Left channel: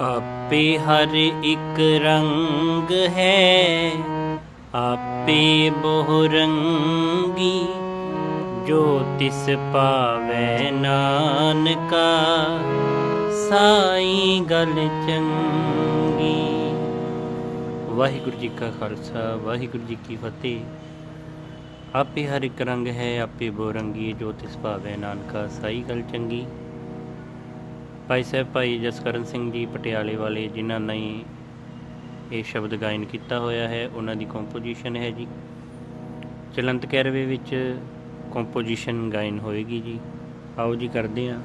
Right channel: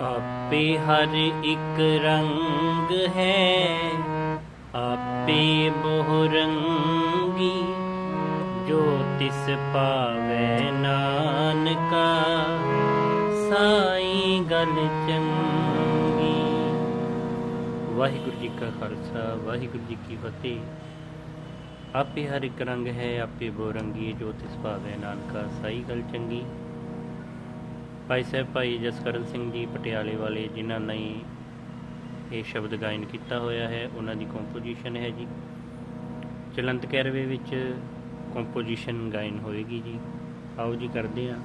ਆਪੇ ਹਰ ਇੱਕ ਰੰਗ ਹੈ, ਆਪੇ ਬਹੁ ਰੰਗੀ, ਜੋ ਤਿਸ ਪਾਵੈ ਨਾਨਕਾ, ਸਾਈ ਗਲ ਚੰਗੀ। ਵਾਹਿਗੁਰੂ ਜੀ ਕਾ ਖਾਲਸਾ, ਵਾਹਿਗੁਰੂ ਜੀ ਕੀ ਫਤਿਹ। ਆਪੇ ਹਰ ਇੱਕ ਰੰਗ ਹੈ, ਆਪੇ ਬਹੁ ਰੰਗੀ ਜੋ ਤਿਸ ਪਾਵੈ ਨਾਨਕਾ, ਸਾਈ ਗਲ ਚੰਗੀ। ਭਾਈ ਸਾਹਿਬ, ਭਾਈ ਜਸਕਰਨ ਸਿੰਘ ਜੀ ਪਟਿਆਲੇ ਵਾਲੇ, ਜਿਨ੍ਹਾਂ ਨੇ ਇਹ ਸ਼ਬਦ ਗਾਇਨ ਕੀਤਾ ਹੋਇਆ ਹੈ, ਉਹਨਾਂ ਦੀ ਕੰਪੋਜੀਸ਼ਨ ਹੈ ਜੀ। ਚਲੰਤ ਕੈਰਵੇ ਵਿੱਚ ਕੰਪੋਜੀਸ਼ਨ ਗਾਇਨ ਹੋਏਗੀ ਜੀ। ਆਓ ਜੀ, ਕਰਦੇ ਹਾਂ।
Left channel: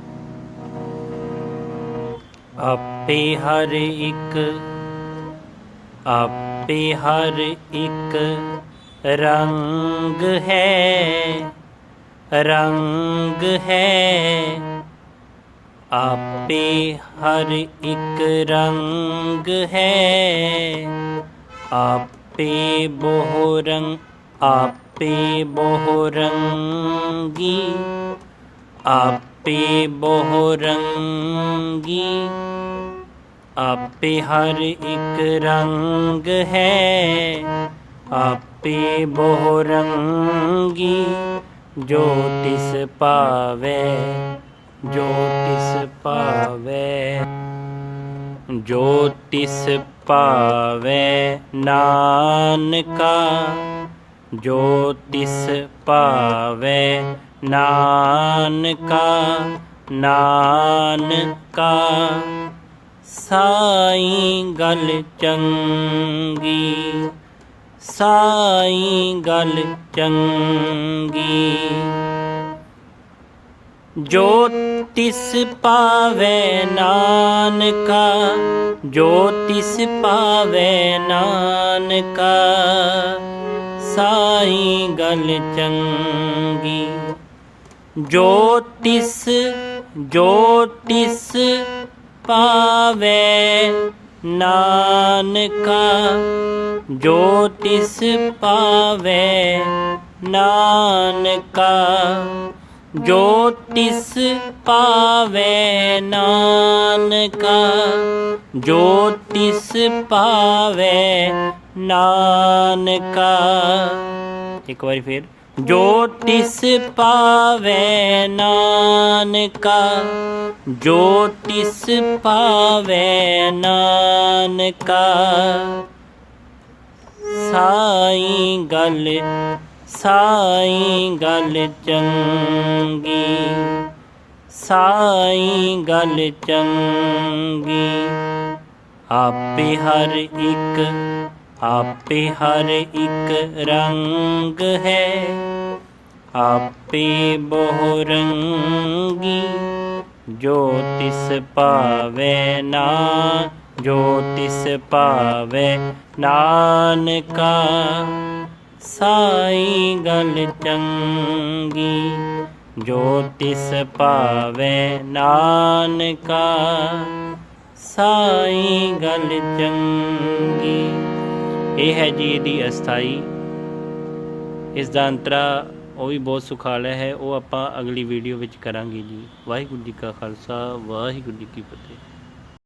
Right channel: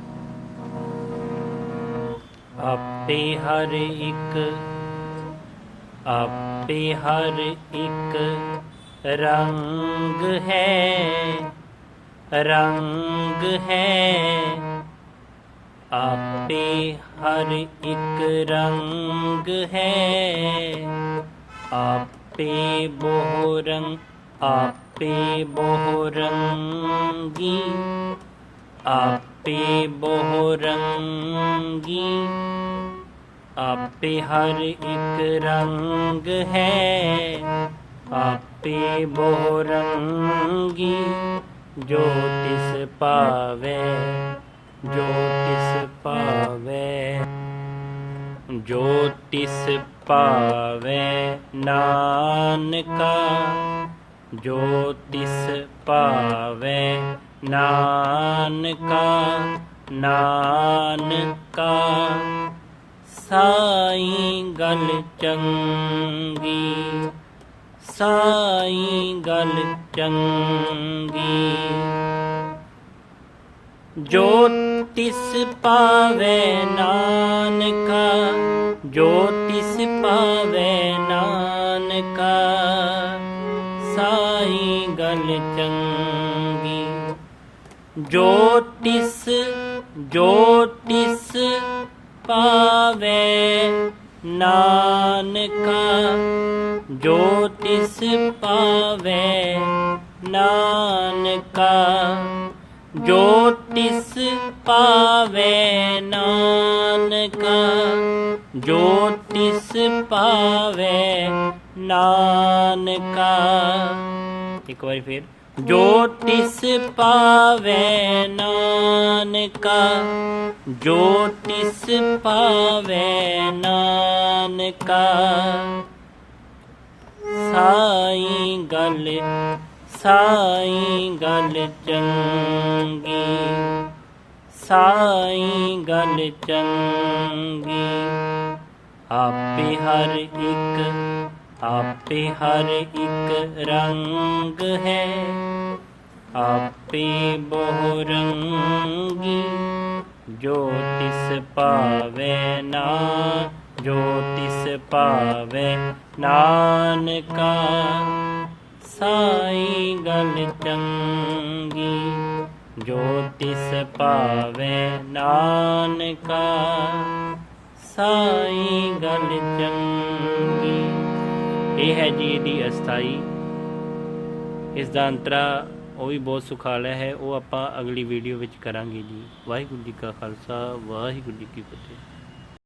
ਆਪੇ ਹਰ ਇੱਕ, ਆਪੇ ਹਰ ਇੱਕ ਰੰਗ ਹੈ ਰੰਗ ਹੈ। ਆਪੇ ਹਰ ਇੱਕ ਰੰਗ ਹੈ। ਆਪੇ ਬਹੁ ਰੰਗ ਆਪੇ ਬਹੁ ਰੰਗੀ ਆਪੇ ਬਹੁ ਰੰਗੀ ਆਪੇ ਹਰ ਇੱਕ ਰੰਗ ਹੈ। ਆਪੇ ਬਹੁ ਰੰਗੀ ਜੋ ਤਿਸ ਪਾਵੇ ਜੋ ਤਿਸ ਪਾਵੇ ਜੋ ਤਿਸ ਪਾਵੇ ਨਾਨਕਾ, ਜੋ ਤਿਸ ਪਾਵੇ ਨਾਨਕਾ ਨਾਨਕਾ, ਸਾਈ ਗਲ ਚੰਗੀ, ਸਾਈ ਗਲ ਚੰਗੀ। ਜੋ ਤਿਸ ਪਾਵੇ ਨਾਨਕਾ, ਜੋ ਤਿਸ ਪਾਵੇ ਨਾਨਕਾ, ਸਾਈ ਗਲ ਚੰਗੀ। ਜੋ ਤਿਸ ਜੋ ਤਿਸ ਪਾਵੇ ਨਾਨਕਾ, ਜੋ ਤਿਸ ਪਾਵੇ ਨਾਨਕਾ, ਜੋ ਤਿਸ ਪਾਵੇ ਨਾਨਕਾ, ਜੋ ਤਿਸ ਪਾਵੇ ਨਾਨਕਾ। ਇੱਕ ਵਾਰੀ ਫੇਰ, ਜੋ ਤਿਸ ਪਾਵੇ ਨਾਨਕਾ, ਜੋ ਤਿਸ ਪਾਵੇ ਨਾਨਕਾ। ਸਾਈ ਗਲ ਸਾਈ ਗਲ ਚੰਗੀ, ਸਾਈ ਗਲ ਚੰਗੀ। ਆਪੇ ਹਰ ਇੱਕ, ਆਪੇ ਹਰ ਇੱਕ ਰੰਗ ਹੈ। ਆਪੇ ਬਹੁ ਰੰਗੀ ਜੋ ਤਿਸ ਪਾਵੇ ਨਾ, ਜੋ ਤਿਸ ਪਾਵੇ ਨਾਨਕਾ। ਸਾਈ ਗੱਲ ਚੰਗੀ, ਜੋ ਤਿਸ ਪਾਵੇ ਨਾਨਕਾ। ਸਾਈ ਗੱਲ ਚੰਗੀ। ਇਹ ਹੈ ਜੀ ਇਹਦੀ ਅਸਥਾਈ। ਇਸ ਦਾ ਅੰਤਰਾ ਉਹ ਵੀ ਬਹੁਤ ਸੁਖਾਲਾ ਹੈ, ਉਹ ਆਪਾਂ ਅਗਲੀ ਵੀਡੀਓ ਵਿੱਚ ਕਰਾਂਗੇ ਜੀ। ਵਾਹਿਗੁਰੂ ਜੀ ਕਾ ਖਾਲਸਾ, ਵਾਹਿਗੁਰੂ ਜੀ ਕੀ ਫਤਿਹ।